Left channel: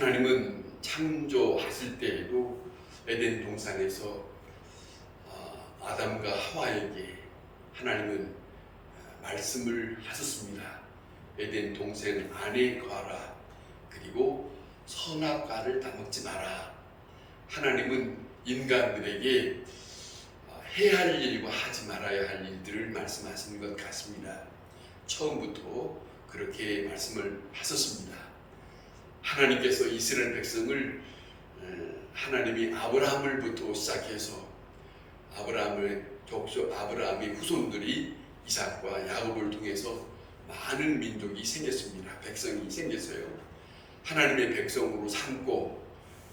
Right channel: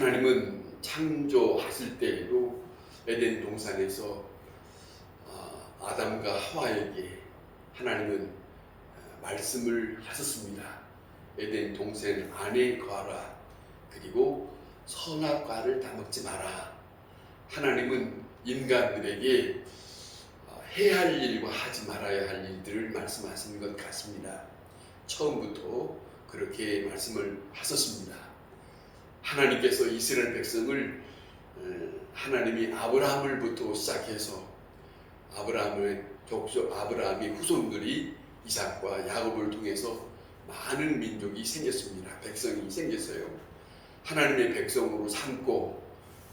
하나님은 창조하실 때에도 에덴 동산에서 아담과 하와에게 하나님은 말씀을 하셨습니다. 에덴 동산 안에 거하라. 그리고 선악과를 다 먹지 마라. 하나님은 인간들에게 해야 할 일과 하지 말아야 할 일들을 말씀하시는 것 같습니다. 처음부터 그렇게 말씀을 하셨습니다. 하나님께서 이스라엘 백성을 하나님이 아브라함을부터 시작해서 아브라함의 후손들이 이삭과 야곱을 통해서 많은 민족이 생겼습니다. 백성이 생겼어요. 하나님의 백성으로 삼고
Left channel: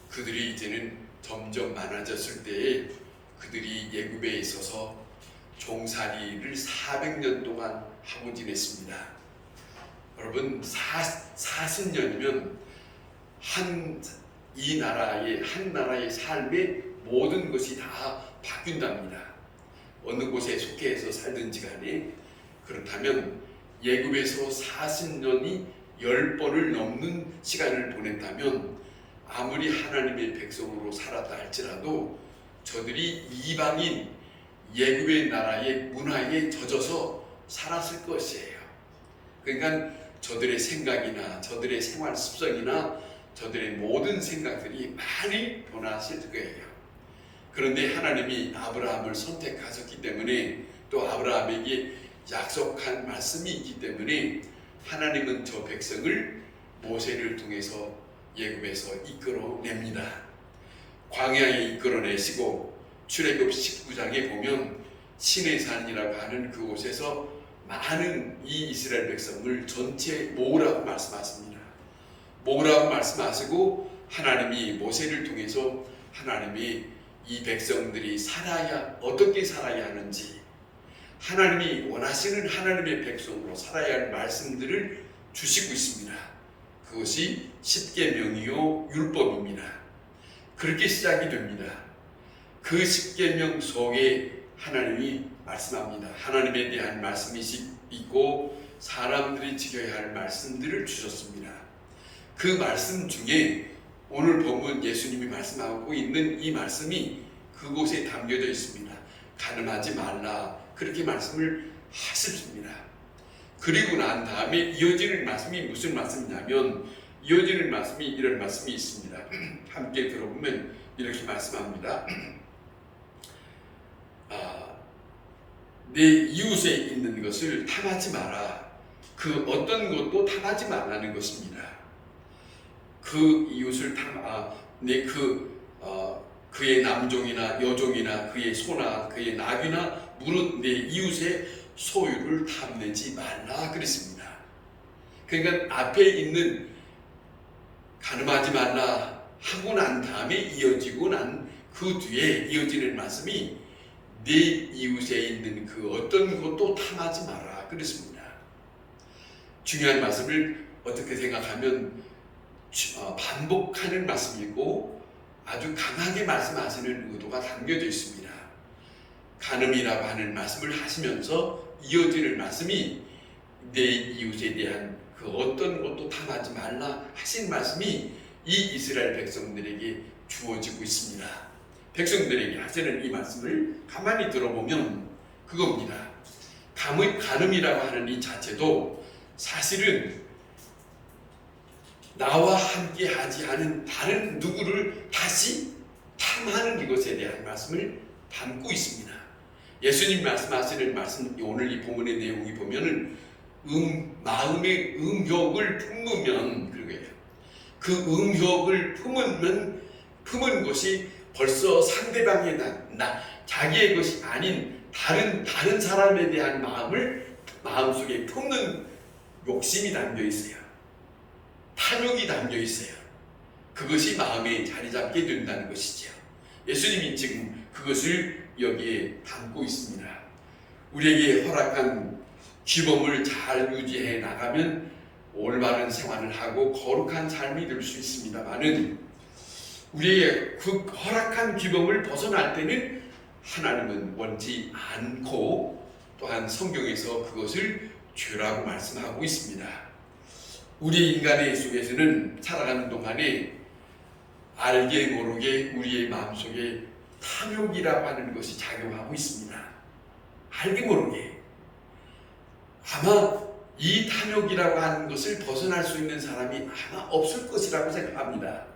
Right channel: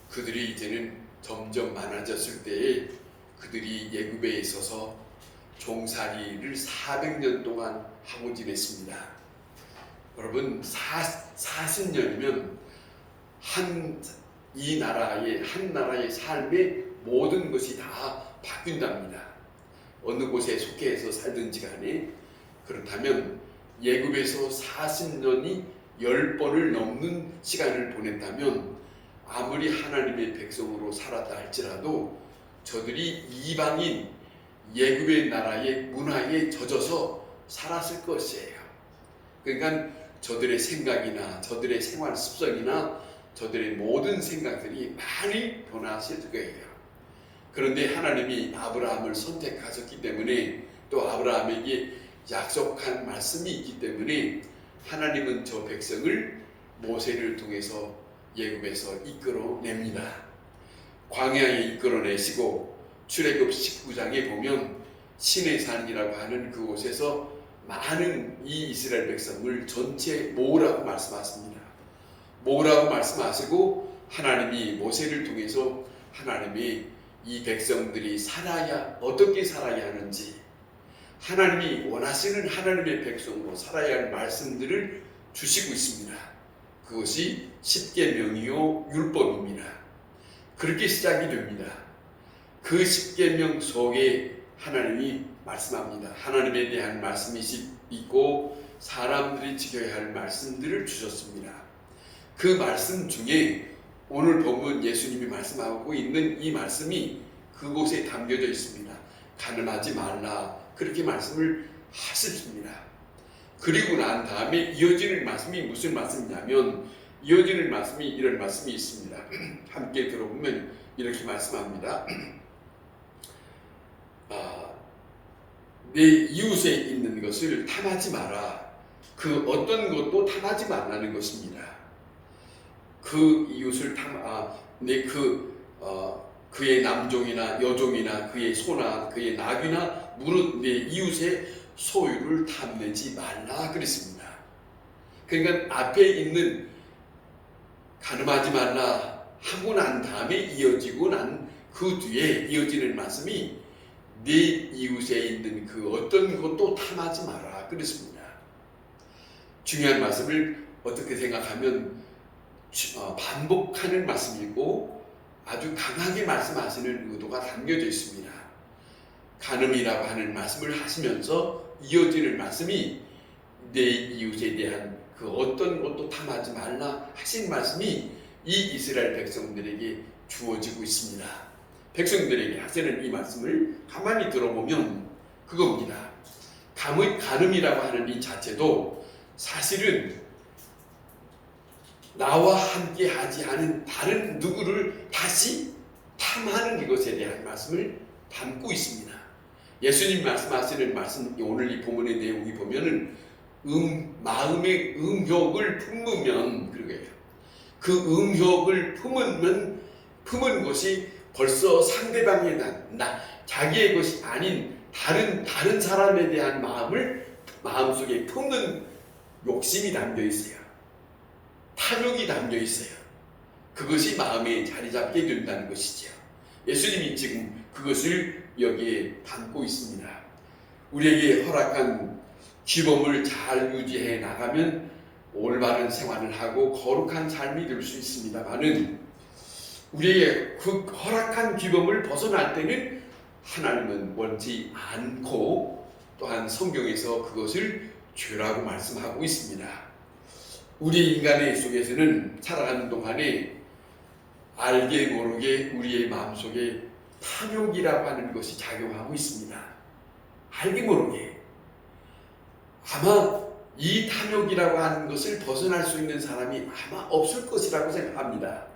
그들이 이제는 점점 많아졌을 때에 그들이 애굽에 있어서 종살이를 400년 동안 하고 지냈습니다. 여러분 40년이면 한 나라의 삶의 모든 것이 다 바뀐답니다. 어느 곳에 속해서 살든지 간에. 그렇다면 애굽에서 40년이 10번을 넘는 시간을 보냈다면 아무리 하나님의 백성으로 살았다 할지라도 저들이 이방인 애굽의 나라의 문화에 젖어서 살았을 것이에요. 그러니까 저들의 생각이나 저들의 생활 습성이나 저들의 모든 생각들이 많이 변화하실 거예요. 그런데 하나님이 아브라함을 선택하셨기 때문에 또 아브라함에게 약속한 말씀이 있기 때문에 하나님은 저 백성을 모세를 통해서 애굽에서 이끌어냅니다. 광야에 이끌어내시고 출애굽 19장에 보면 시내산이라고 하는 그곳에서 많은 이 이스라엘 백성을 전체 모으라고 말씀하십니다. 모으라고 말씀하시고 하나님이 모세를 통해서 하나님이 이 백성들이 어떻게 살아야 하는지 하나님이 원하시는 하나님의 백성으로 살아야 할 말씀들을 주시고 있습니다. 그것이 십계명이요 율법입니다. 그렇게 시작이 됩니다. 그 십계명 속에 하나님이 말씀합니다. 하나님에 대한 말씀이 있고 사람들이 지켜야 할 말씀들을 주셨습니다. 그 말씀 중에 오늘 본문 예수님이 말씀하고 있는 이 말씀이 그곳에 담겨져 있습니다. 간음하지 말라. 그렇게 말씀을 하셨습니다. 그리고 난 다음에 이어지는 말씀이 무슨 말씀이냐면 이어지는 말씀이 이런 말씀이 있습니다. 함께 들어보면 이렇게 말씀합니다. 내 이웃에 있는 것을 탐하지 마라. 그 어떤 것도 탐하지 말라는 것입니다. 그 이웃을 그의 남종이나 여종이나 그의 소나 그의 나귀나 물은 내 이웃의 소유를 탐내지 말라 그랬습니다. 그러니까 앞에 있는 간음하지 말라 하고 난 다음에 이어지고 난 그 뒤에 이어지는 말씀이 내 이웃에 있는 그 어떤 것도 탐하지 마라 그랬습니다. 중요한 말씀을 어떻게 생각하면 반복하는 말씀이고 아주 강하게 말씀하시는 의도가 담겨져 있습니다. 간음이라고 하는 말씀을 하시면서 이어지는 말씀이 내 이웃에 대한 그 어떤 것도 탐하지 말라 하신 말씀이 이 이스라엘 백성들에게 주어지고 있습니다. 백성들에게 하시는 이 말씀을 가만히 들어보면 그겁니다. 간음이라고 하는 이 자체도 사실은 나와 함께 하지 않은 다른 누구를 다시 탐하는 이것에 대한 말씀을 담고 있습니다. 예수님 말씀하시는 말씀 오늘 이 본문의 내용이 보면은 마음의 음욕을 품으면 그러게요. 그 음욕을 품은 것이 벌써 상대방의 자기의 것이 아닌 다른 사람에 대한 마음속에 품는 욕심이 담겨 있어요. 탐욕이 담겨 있어요. 그것이 마음에 자리 잡게 된다는 것이죠. 예수님이 지금 그것을 여기에 담고 있습니다. 우리에게 허락한 규범을 잘 유지해 나가면 올바른 생활을 하고 거룩한 삶이 될 수 있습니다만은 우리에게 그 허락한 규범을 벗어날 때는 하나님은 원치 않고 또한 성경에서 그것을 죄라고 말씀하고 있습니다. 우리 인간의 속에서는 살아가는 동안에 알게 모르게 우리의 마음속에 탐욕이라고 하는 것이 작용하고 있습니다. 알게 모르게. 아마 이 탐욕이라고 하는 것을 벗어날 수 있는 사람이 아마 없을 것이라고 생각합니다.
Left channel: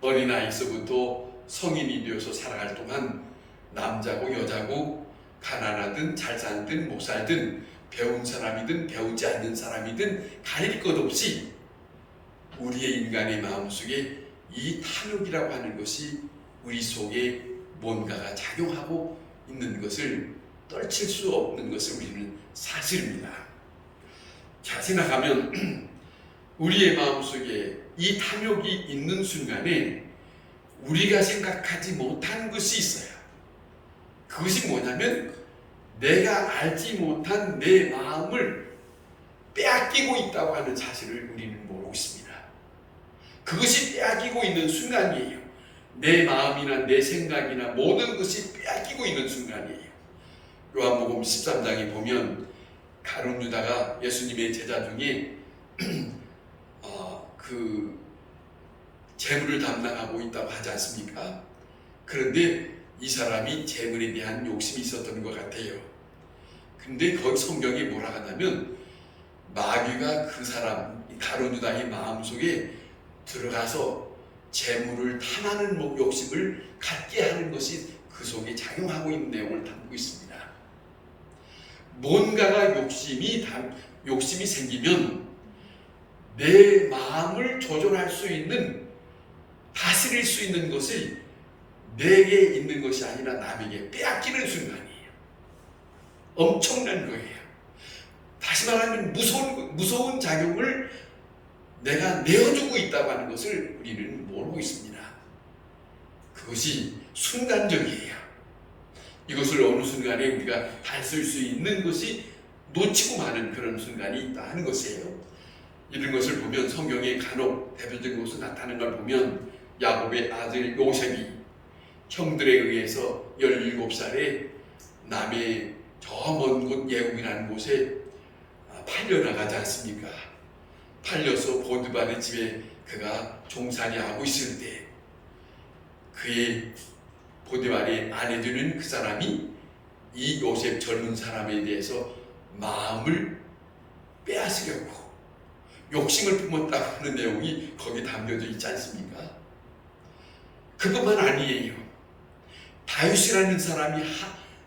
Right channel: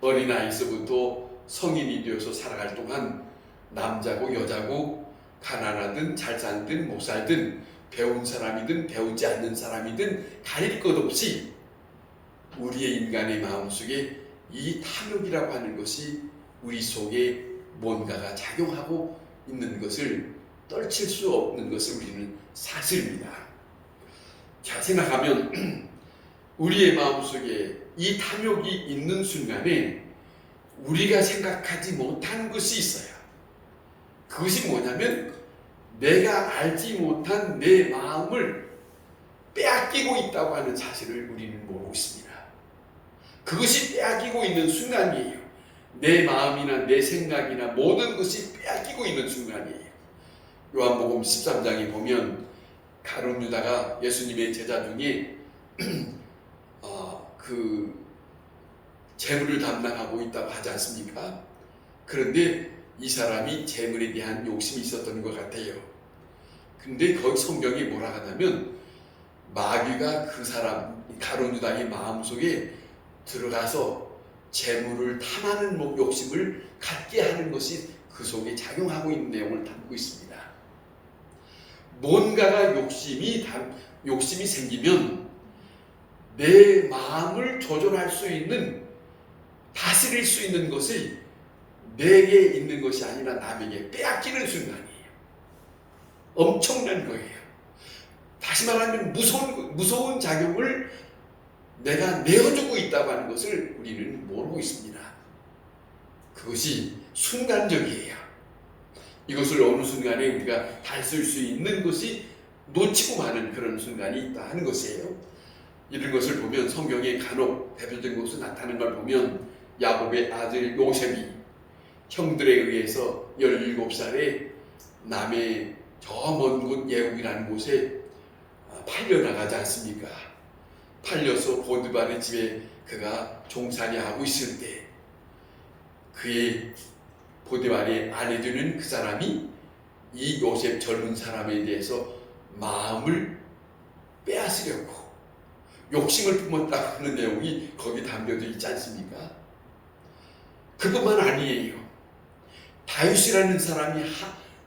어린아이에서부터 성인이 되어서 살아갈 동안 남자고 여자고 가난하든 잘 살든 못 살든 배운 사람이든 배우지 않는 사람이든 가릴 것 없이 우리의 인간의 마음속에 이 탐욕이라고 하는 것이 우리 속에 뭔가가 작용하고 있는 것을 떨칠 수 없는 것을 우리는 사실입니다. 자, 생각하면 우리의 마음속에 이 탐욕이 있는 순간에 우리가 생각하지 못한 것이 있어요. 그것이 뭐냐면 내가 알지 못한 내 마음을 빼앗기고 있다고 하는 사실을 우리는 모르고 있습니다. 그것이 빼앗기고 있는 순간이에요. 내 마음이나 내 생각이나 모든 것이 빼앗기고 있는 순간이에요. 요한복음 13장에 보면 가룟 유다가 예수님의 제자 중에 그 재물을 담당하고 있다고 하지 않습니까? 그런데 이 사람이 재물에 대한 욕심이 있었던 것 같아요. 근데 거기 성경에 뭐라 하냐면 마귀가 그 사람 가룟 유다의 마음속에 들어가서 재물을 탐하는 욕심을 갖게 하는 것이 그 속에 작용하고 있는 내용을 담고 있습니다. 뭔가가 욕심이 생기면 내 마음을 조절할 수 있는, 다스릴 수 있는 것이 내게 있는 것이 아니라 남에게 빼앗기는 순간이에요. 엄청난 거예요. 다시 말하면 무서운 작용을 내가 내어주고 있다고 하는 것을 우리는 모르고 있습니다. 그것이 순간적이에요. 이것을 어느 순간에 우리가 다쓸 수 있는 것이 놓치고 마는 그런 순간이 있다 하는 것이에요. 이런 것을 보면 성경에 간혹 대표적인 것으로 나타나는 걸 보면 야곱의 아들 요셉이 형들에 의해서 17살에 남의 저 먼 곳 예국이라는 곳에 팔려나가지 않습니까? 팔려서 보디발의 집에 그가 종살이 하고 있을 때 그의 보디발의 아내 되는 그 사람이 이 요셉 젊은 사람에 대해서 마음을 빼앗으려고 욕심을 품었다고 하는 내용이 거기 담겨져 있지 않습니까? 그것만 아니에요. 다윗이라는 사람이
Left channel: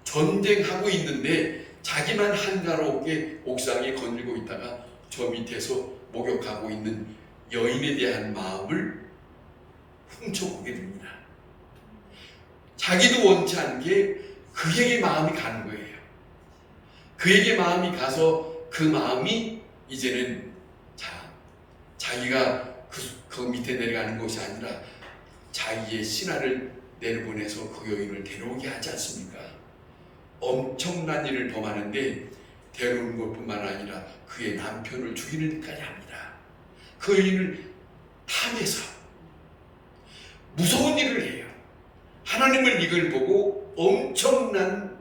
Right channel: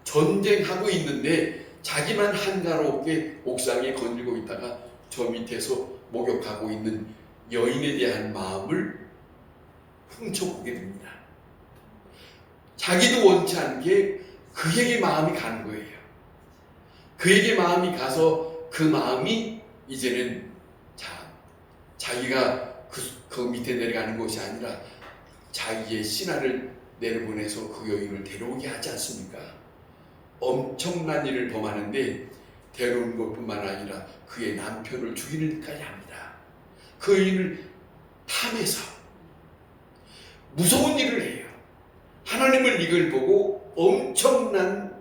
전쟁하고 있는데 자기만 한가롭게 옥상에 거닐고 있다가 저 밑에서 목욕하고 있는 여인에 대한 마음을 훔쳐보게 됩니다. 자기도 원치 않게 그에게 마음이 가는 거예요. 그에게 마음이 가서 그 마음이 이제는 자기가 그 밑에 내려가는 것이 아니라 자기의 신하를 내려보내서 그 여인을 데려오게 하지 않습니까? 엄청난 일을 범하는데 데려오는 것뿐만 아니라 그의 남편을 죽이는 데까지 합니다. 그 여인을 탐해서 무서운 일을 해요. 하나님을 이걸 보고 엄청난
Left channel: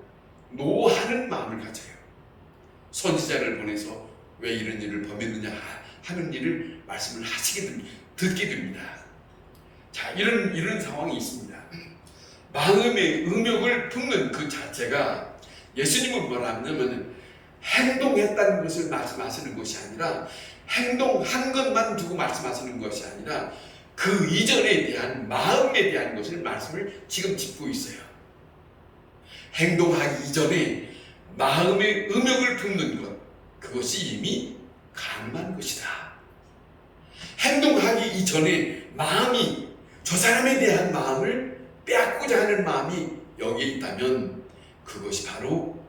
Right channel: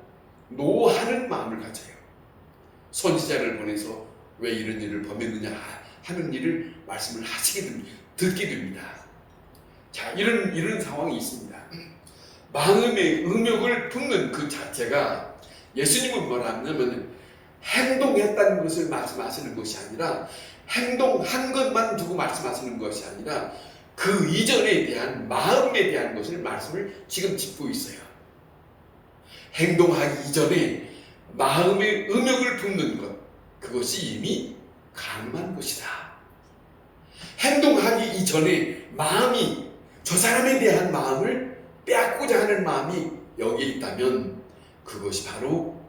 노하는 마음을 가져요. 선지자를 보내서 왜 이런 일을 범했느냐 하는 일을 말씀을 듣게 됩니다. 자, 이런 상황이 있습니다. 마음의 음욕을 품는 그 자체가 예수님은 뭐라 하냐면 행동했다는 것을 말씀하시는 것이 아니라 행동한 것만 두고 말씀하시는 것이 아니라 그 이전에 대한 마음에 대한 것을 말씀을 지금 짚고 있어요. 행동하기 이전에 마음의 음욕을 품는 것, 그것이 이미 가능한 것이다. 행동하기 이전에 마음이 저 사람에 대한 마음을 빼앗고자 하는 마음이 여기에 있다면 그것이 바로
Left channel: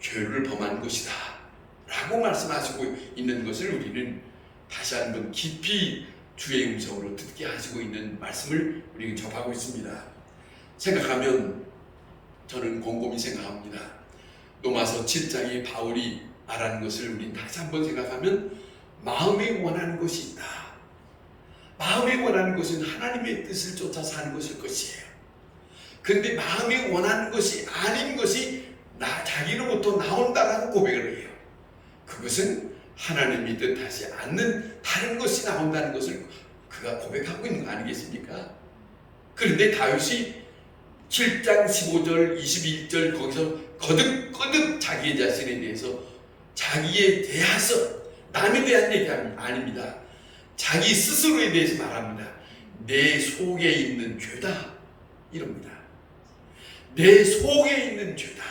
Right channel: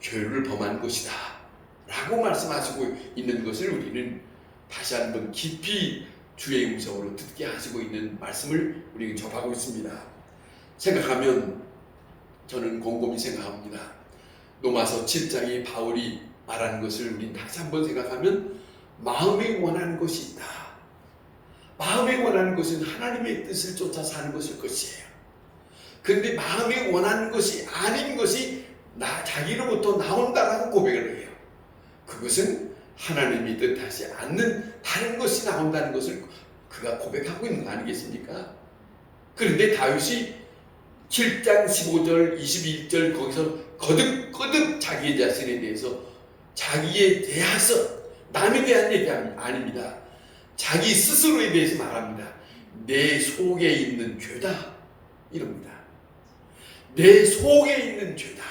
죄를 범한 것이다 라고 말씀하시고 있는 것을 우리는 다시 한번 깊이 주의 음성으로 듣게 하시고 있는 말씀을 우리는 접하고 있습니다. 생각하면 저는 곰곰이 생각합니다. 로마서 7장에 바울이 말하는 것을 우리는 다시 한번 생각하면 마음에 원하는 것이 있다. 마음에 원하는 것은 하나님의 뜻을 쫓아 사는 것일 것이에요. 그런데 마음에 원하는 것이 아닌 것이 자기로부터 나온다라고 고백을 해요. 그것은 하나님이 뜻하지 않는 다른 것이 나온다는 것을 그가 고백하고 있는 거 아니겠습니까? 그런데 다윗이 7장 15절 21절 거기서 거듭거듭 자기 자신에 대해서 자기에 대해서 남에 대한 얘기 아닙니다. 자기 스스로에 대해서 말합니다. 내 속에 있는 죄다 이럽니다. 내 속에 있는 죄다.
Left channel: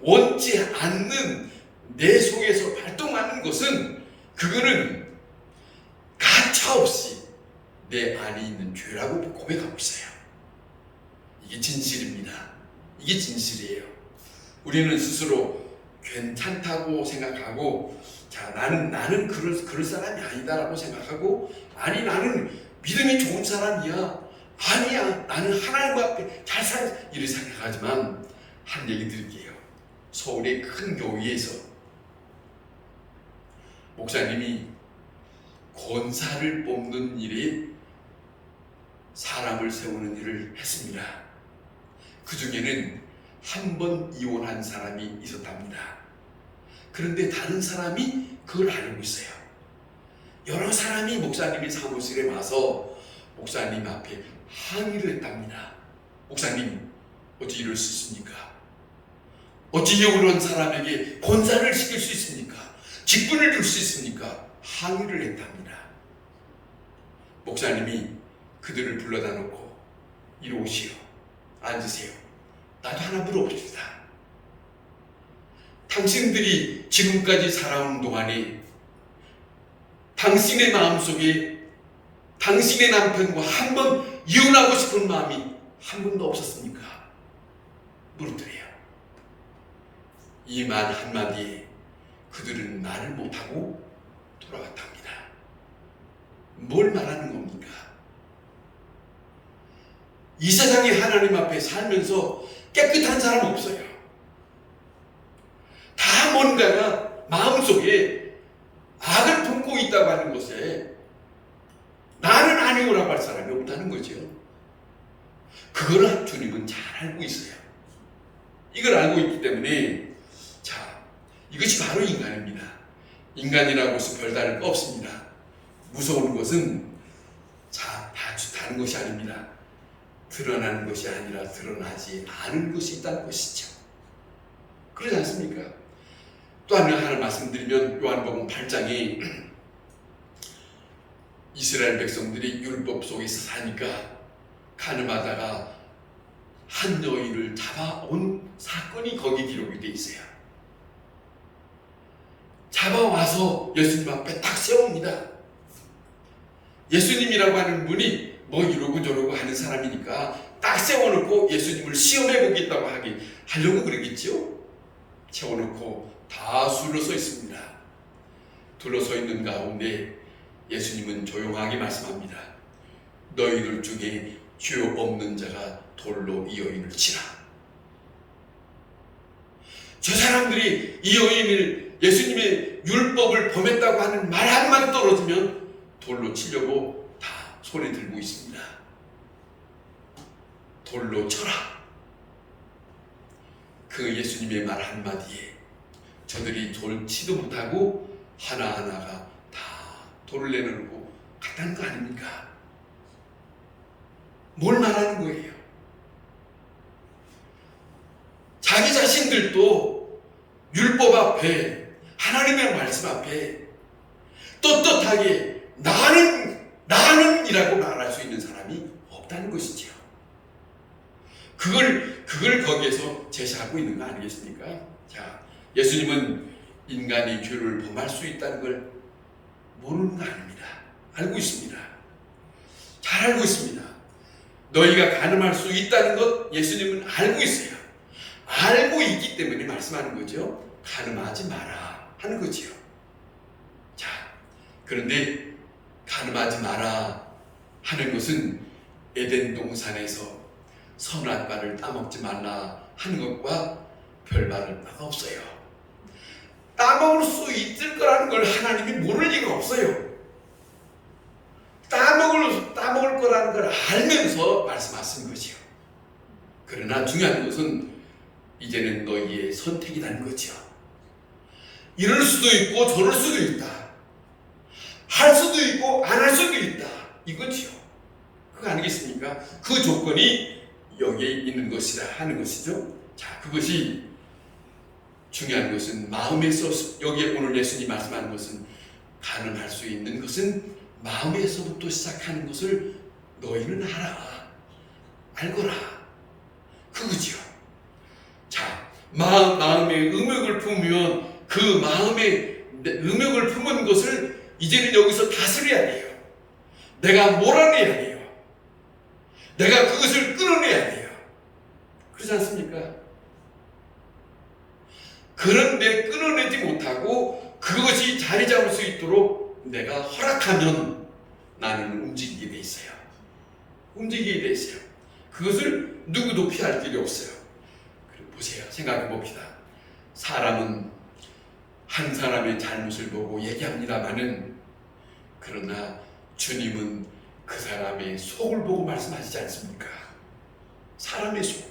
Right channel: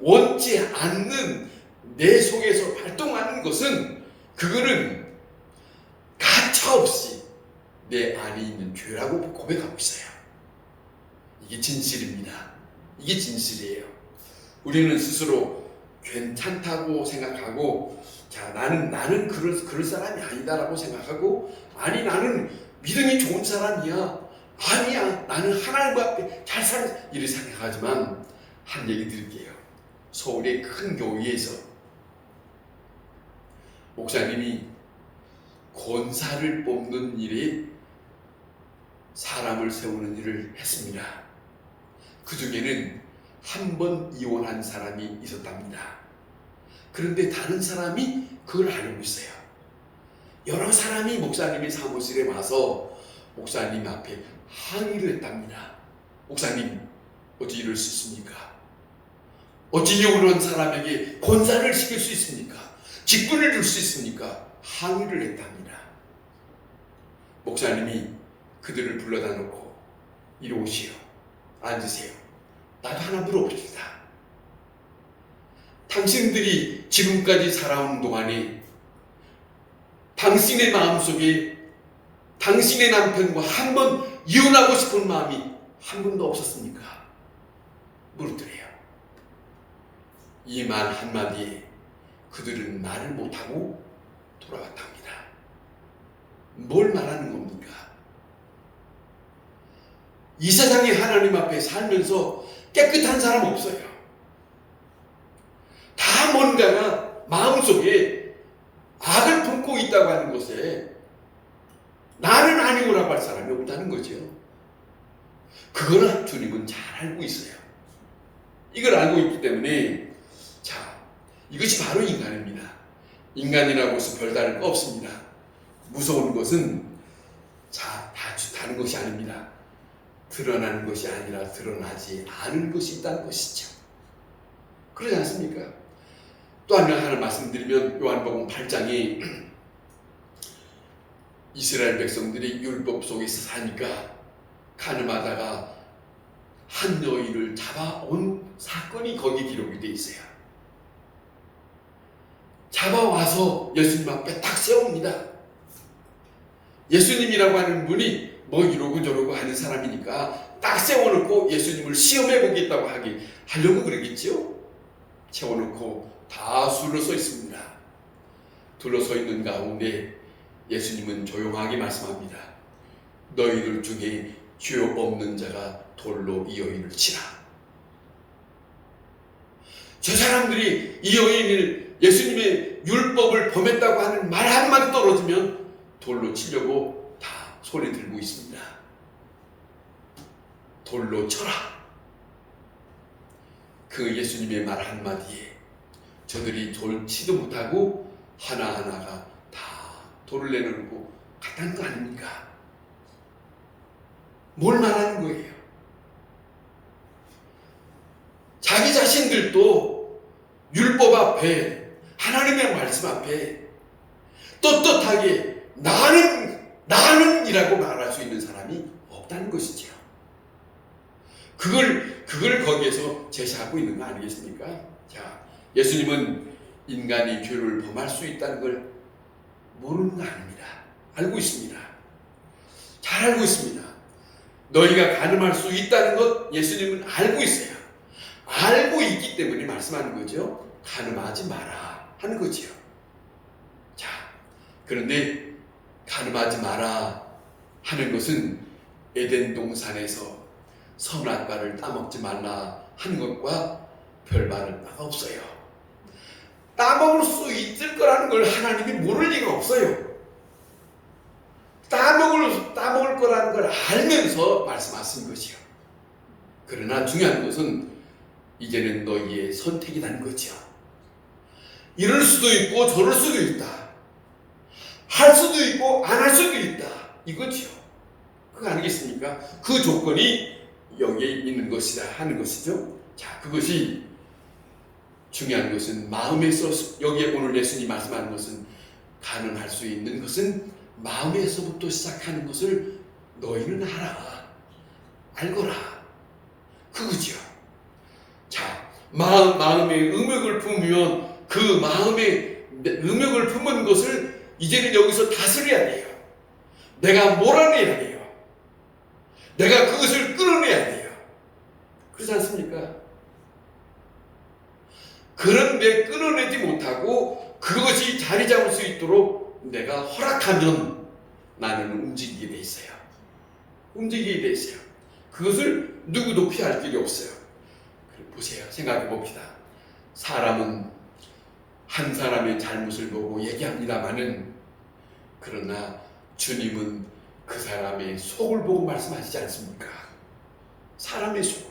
원치 않는 내 속에서 발동하는 것은 그거는 가차없이 내 안에 있는 죄라고 고백하고 있어요. 이게 진실입니다. 이게 진실이에요. 우리는 스스로 괜찮다고 생각하고 자 나는 그럴 사람이 아니다라고 생각하고 아니 나는 믿음이 좋은 사람이야. 아니야 나는 하나님 앞에 잘 살아 이렇게 생각하지만 한 얘기 드릴게요. 서울의 큰 교회에서 목사님이 권사를 뽑는 일에 사람을 세우는 일을 했습니다. 그 중에는 한 번 이혼한 사람이 있었답니다. 그런데 다른 사람이 그걸 알고 있어요. 여러 사람이 목사님의 사무실에 와서 목사님 앞에 항의를 했답니다. 목사님 어떻게 이럴 수 있습니까? 어찌 이런 사람에게 권사를 시킬 수 있습니까? 직분을 줄 수 있습니까? 항의를 했답니다. 목사님이 그들을 불러다 놓고 이리 오시오. 앉으세요. 나도 하나 물어봅시다. 당신들이 지금까지 살아온 동안에 당신의 마음속에 당신의 남편과 한 번 이혼하고 싶은 마음이 한 번도 없었습니까? 물어드려요. 이 말 한마디에 그들은 말을 못하고 돌아갔답니다. 뭘 말하는 겁니까? 이 세상에 하나님 앞에 살면서 깨끗한 사람 없어요. 다 뭔가가 마음속에 악을 품고 있다고 하는 것에 나는 아니오라고 할 사람이 없다는 거죠. 그걸 주님은 잘 알고 있어요. 이걸 알고 있기 때문에 자 이것이 바로 인간입니다. 인간이라고 해서 별다를 거 없습니다. 무서운 것은 자 다른 것이 아닙니다. 드러나는 것이 아니라 드러나지 않은 것이 있다는 것이죠. 그러지 않습니까? 또 하나 말씀드리면 요한복음 8장에 이스라엘 백성들이 율법 속에서 사니까 가늠하다가 한 여인을 잡아온 사건이 거기 기록이 되어 있어요. 잡아와서 예수님 앞에 딱 세웁니다. 예수님이라고 하는 분이 뭐 이러고 저러고 하는 사람이니까 딱 세워놓고 예수님을 시험해 보겠다고 하려고 그러겠죠. 세워놓고 다 둘러서 있습니다. 둘러서 있는 가운데 예수님은 조용하게 말씀합니다. 너희들 중에 죄 없는 자가 돌로 이 여인을 치라. 저 사람들이 이 여인을 예수님의 율법을 범했다고 하는 말 한마디 떨어지면 돌로 치려고 다 소리 들고 있습니다. 돌로 쳐라. 그 예수님의 말 한마디에 저들이 돌 치도 못하고 하나하나가 다 돌을 내놓고 갔다는 거 아닙니까? 뭘 말하는 거예요? 자기 자신들도 율법 앞에 하나님의 말씀 앞에 떳떳하게 나는 이라고 말할 수 있는 사람이 없다는 것이죠. 그걸 거기에서 제시하고 있는 거 아니겠습니까? 자, 예수님은 인간이 죄를 범할 수 있다는 걸 모르는 거 아닙니다. 알고 있습니다. 잘 알고 있습니다. 너희가 가늠할 수 있다는 것 예수님은 알고 있어요. 알고 있기 때문에 말씀하는 거죠. 가늠하지 마라 하는 거지요. 자, 그런데 가늠하지 마라 하는 것은 에덴 동산에서 선악과를 따먹지 말라 하는 것과 별다를 바가 없어요. 따먹을 수 있을 거라는 걸 하나님이 모를 리가 없어요. 따먹을 거라는 걸 알면서 말씀하신 것이요. 그러나 중요한 것은 이제는 너희의 선택이라는 거죠. 이럴 수도 있고 저럴 수도 있다. 할 수도 있고 안 할 수도 있다. 이거지요. 그거 아니겠습니까? 그 조건이 여기에 있는 것이다 하는 것이죠. 자, 그것이 중요한 것은 마음에서, 여기에 오늘 예수님이 말씀하는 것은 가능할 수 있는 것은 마음에서부터 시작하는 것을 너희는 알아. 알거라. 그거지요. 자, 마음에 음욕을 품으면 그 마음에 음욕을 품은 것을 이제는 여기서 다스려야 돼요. 내가 몰아내야 돼요. 내가 그것을 끌어내야 돼요. 그렇지 않습니까? 그런데 끌어내지 못하고 그것이 자리 잡을 수 있도록 내가 허락하면 나는 움직이게 돼 있어요. 움직이게 돼 있어요. 그것을 누구도 피할 길이 없어요. 보세요. 생각해 봅시다. 사람은 한 사람의 잘못을 보고 얘기합니다마는 그러나 주님은 그 사람의 속을 보고 말씀하시지 않습니까? 사람의 속,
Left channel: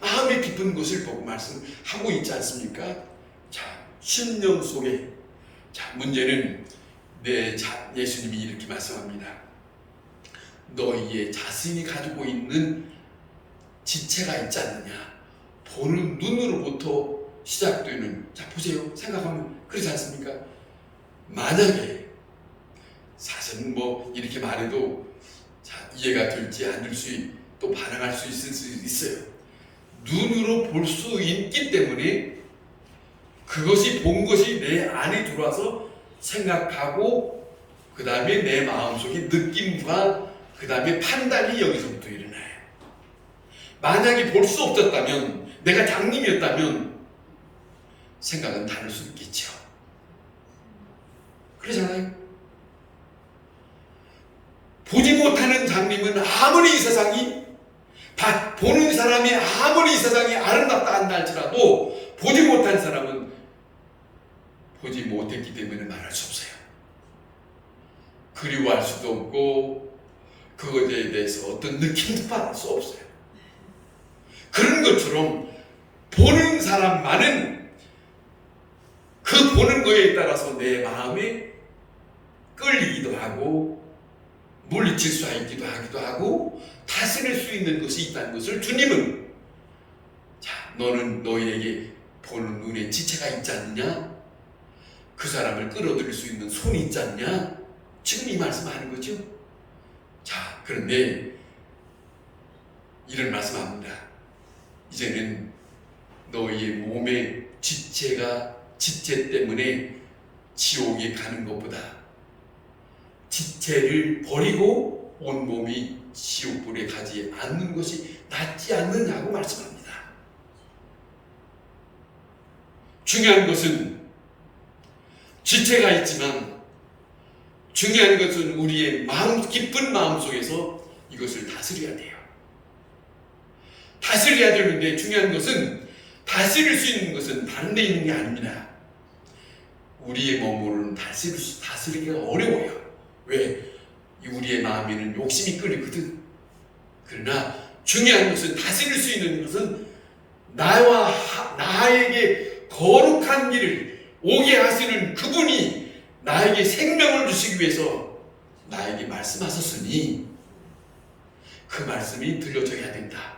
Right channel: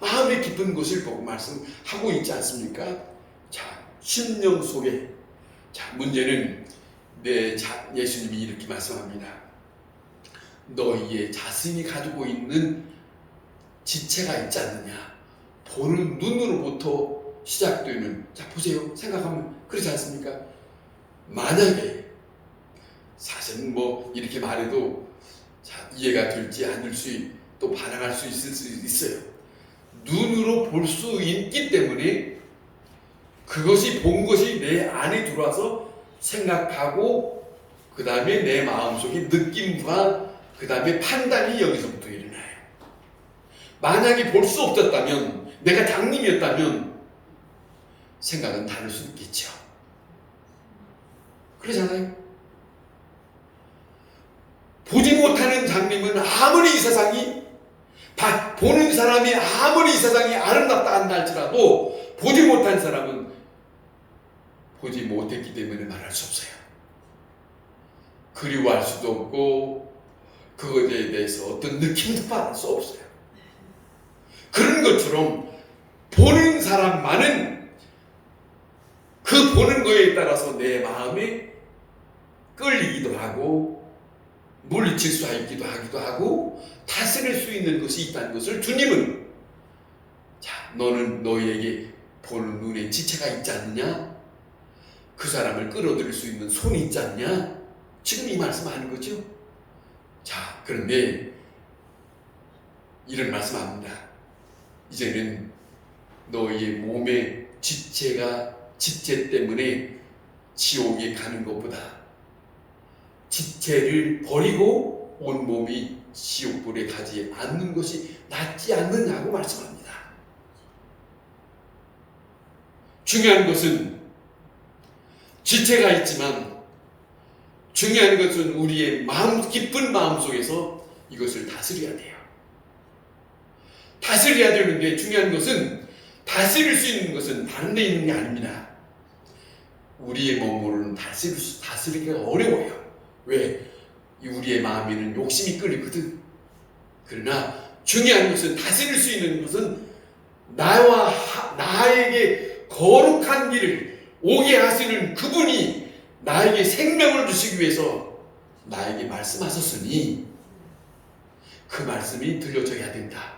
마음의 깊은 것을 보고 말씀하고 있지 않습니까? 자, 심령 속에, 자, 문제는 예수님이 이렇게 말씀합니다. 너희의 자신이 가지고 있는 지체가 있지 않느냐? 보는 눈으로부터 시작되는, 자, 보세요. 생각하면 그렇지 않습니까? 만약에 사실은 뭐 이렇게 말해도 자, 이해가 될지 않을 또 반항할 수 있을 수 있어요. 눈으로 볼 수 있기 때문에 그것이 본 것이 내 안에 들어와서 생각하고 그 다음에 내 마음속에 느낌과 그 다음에 판단이 여기서부터 일어나요. 만약에 볼 수 없었다면, 내가 장님이었다면 생각은 다를 수 있겠죠. 그러잖아요. 보지 못하는 장님은 아무리 이 세상이 보는 사람이 아무리 이 세상이 아름답다 한다 할지라도 보지 못한 사람은 보지 못했기 때문에 말할 수 없어요. 그리워할 수도 없고 그것에 대해서 어떤 느낌도 받을 수 없어요. 그런 것처럼 보는 사람만은 그 보는 거에 따라서 내 마음에 끌리기도 하고 물리칠 수 있기도 하기도 하고 다스릴 수 있는 것이 있다는 것을 주님은, 자, 너는 너희에게 보는 눈에 지체가 있지 않느냐? 그 사람을 끌어들일 수 있는 손이 있지 않냐? 지금 이 말씀하는 거죠. 자, 그런데 이런 말씀합니다. 이제는 너희의 몸의 지체 때문에 지옥에 가는 것보다 지체를 버리고 온몸이 지옥불에 가지 않는 것이 낫지 않느냐고 말씀합니다. 중요한 것은 지체가 있지만 중요한 것은 우리의 마음, 깊은 마음 속에서 이것을 다스려야 돼요. 다스려야 되는데 중요한 것은 다스릴 수 있는 것은 다른 데 있는 게 아닙니다. 우리의 몸으로는 다스리기가 어려워요. 왜? 우리의 마음에는 욕심이 끌리거든. 그러나 중요한 것은 다스릴 수 있는 것은 나에게 거룩한 길을 오게 하시는 그분이 나에게 생명을 주시기 위해서 나에게 말씀하셨으니 그 말씀이 들려져야 된다.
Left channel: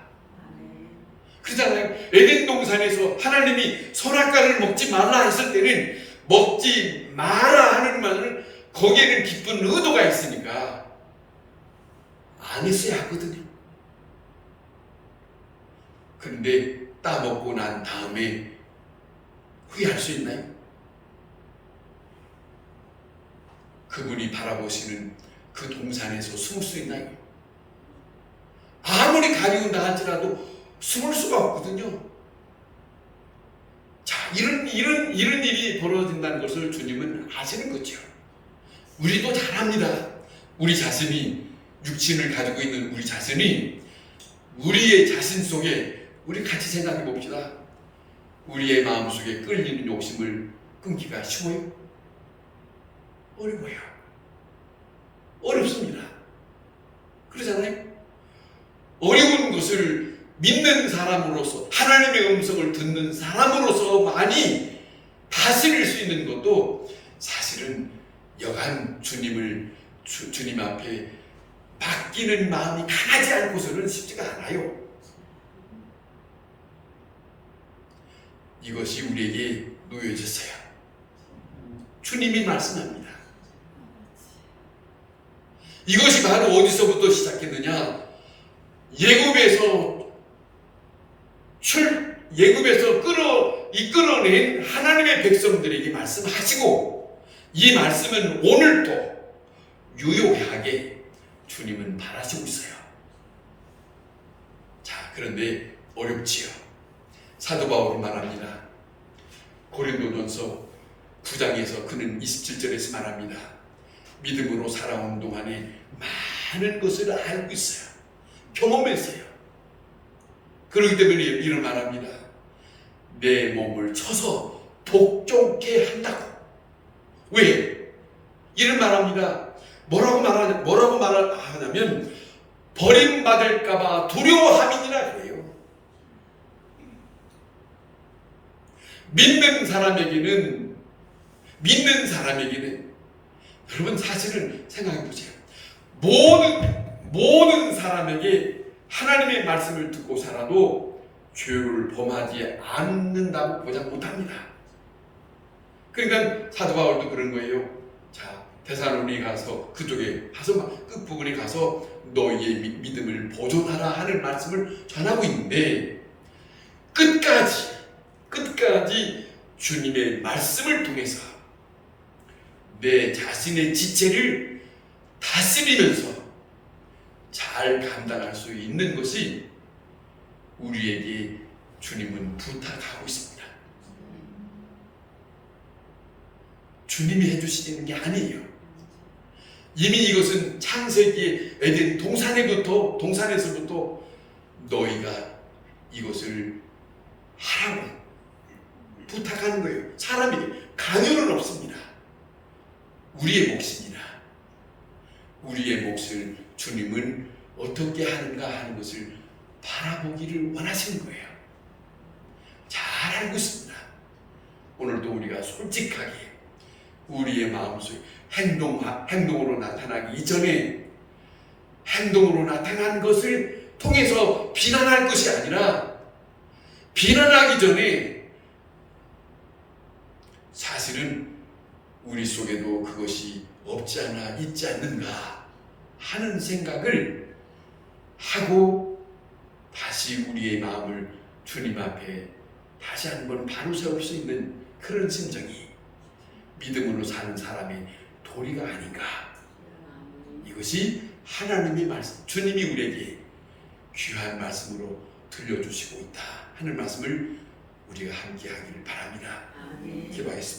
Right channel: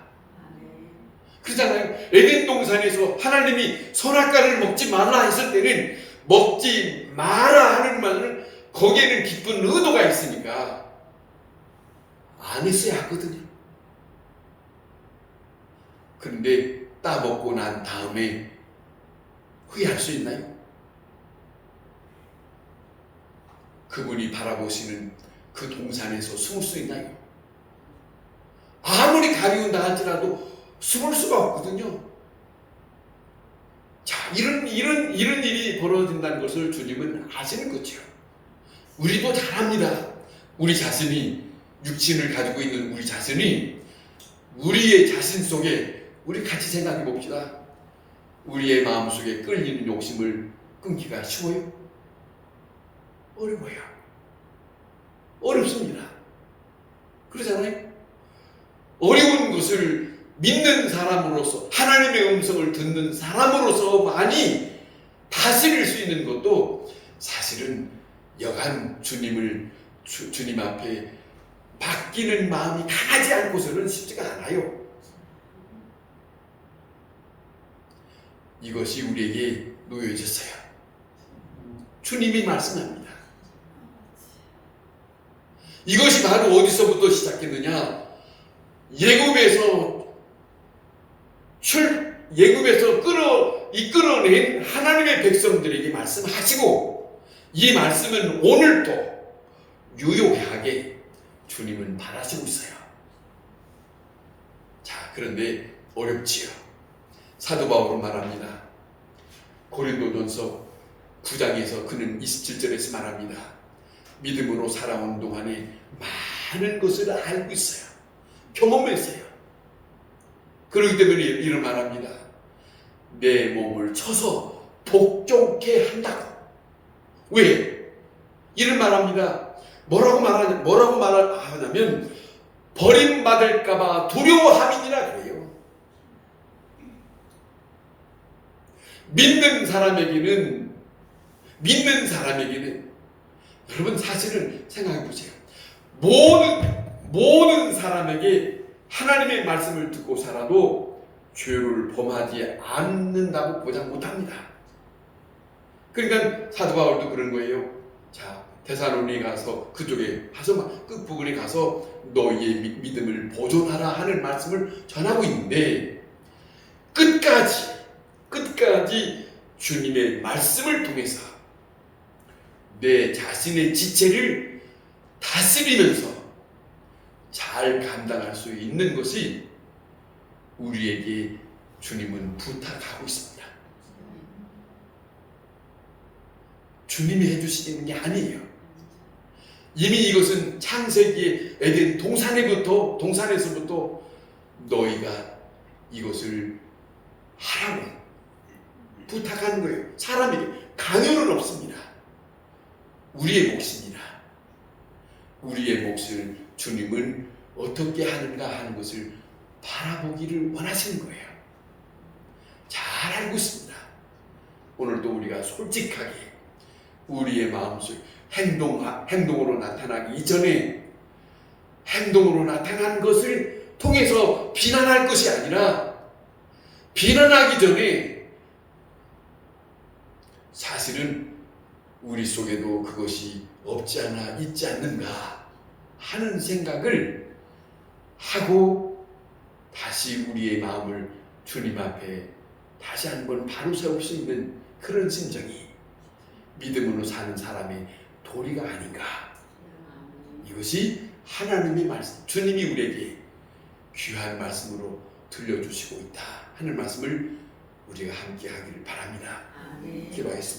그렇잖아요. 에덴 동산에서 하나님이 선악과를 먹지 말라 했을 때는 먹지 마라 하는 말은 거기에는 깊은 의도가 있으니까 안 했어야 하거든요. 그런데 따먹고 난 다음에 후회할 수 있나요? 그분이 바라보시는 그 동산에서 숨을 수 있나요? 아무리 가리운다 할지라도 숨을 수가 없거든요. 자, 이런 일이 벌어진다는 것을 주님은 아시는 거죠. 우리도 잘합니다. 우리 자신이, 육신을 가지고 있는 우리 자신이 우리의 자신 속에, 우리 같이 생각해 봅시다. 우리의 마음속에 끌리는 욕심을 끊기가 쉬워요? 어려워요. 어렵습니다. 그러잖아요. 어려운 것을 믿는 사람으로서, 하나님의 음성을 듣는 사람으로서만이 다스릴 수 있는 것도 사실은 여간 주님 앞에 맡기는 마음이 강하지 않고서는 쉽지가 않아요. 이것이 우리에게 놓여졌어요. 주님이 말씀합니다. 이것이 바로 어디서부터 시작했느냐? 예굽에서 이끌어낸 하나님의 백성들에게 말씀하시고, 이 말씀은 오늘도 유효하게 주님은 바라시고 있어요. 자, 그런데 어렵지요. 사도 바울은 말합니다. 고린도전서 9장에서 그는 27절에서 말합니다. 믿음으로 살아온 동안에 많은 것을 알고 있어요. 경험했어요. 그렇기 때문에 이런 말합니다. 내 몸을 쳐서 복종케 한다고. 왜? 이런 말합니다. 뭐라고 말하냐면 버림받을까봐 두려워함이니라 그래요. 믿는 사람에게는 여러분 사실은 생각해 보세요. 모든 사람에게 하나님의 말씀을 듣고 살아도 죄를 범하지 않는다고 보장 못합니다. 그러니까 사도 바울도 그런 거예요. 자, 데살로니가 가서 그쪽에 가서 끝부분에 가서 너희의 믿음을 보존하라 하는 말씀을 전하고 있는데, 끝까지 주님의 말씀을 통해서 내 자신의 지체를 다스리면서 잘 감당할 수 있는 것이 우리에게 주님은 부탁하고 있습니다. 주님이 해주시는 게 아니에요. 이미 이것은 창세기의 에덴 동산에서부터 너희가 이것을 하라고 부탁하는 거예요. 사람에게 강요는 없습니다. 우리의 몫입니다. 우리의 몫을 주님은 어떻게 하는가 하는 것을 바라보기를 원하시는 거예요. 잘 알고 있습니다. 오늘도 우리가 솔직하게 우리의 마음속 행동으로 나타나기 이전에 행동으로 나타난 것을 통해서 비난할 것이 아니라, 비난하기 전에 사실은 우리 속에도 그것이 없지 않아 있지 않는가 하는 생각을 하고 다시 우리의 마음을 주님 앞에 다시 한번 바로 세울 수 있는 그런 심정이 믿음으로 사는 사람의 도리가 아닌가. 이것이 하나님의 말씀, 주님이 우리에게 귀한 말씀으로 들려주시고 있다 하는 말씀을 우리가 함께 하기를 바랍니다. 기도하겠습니다.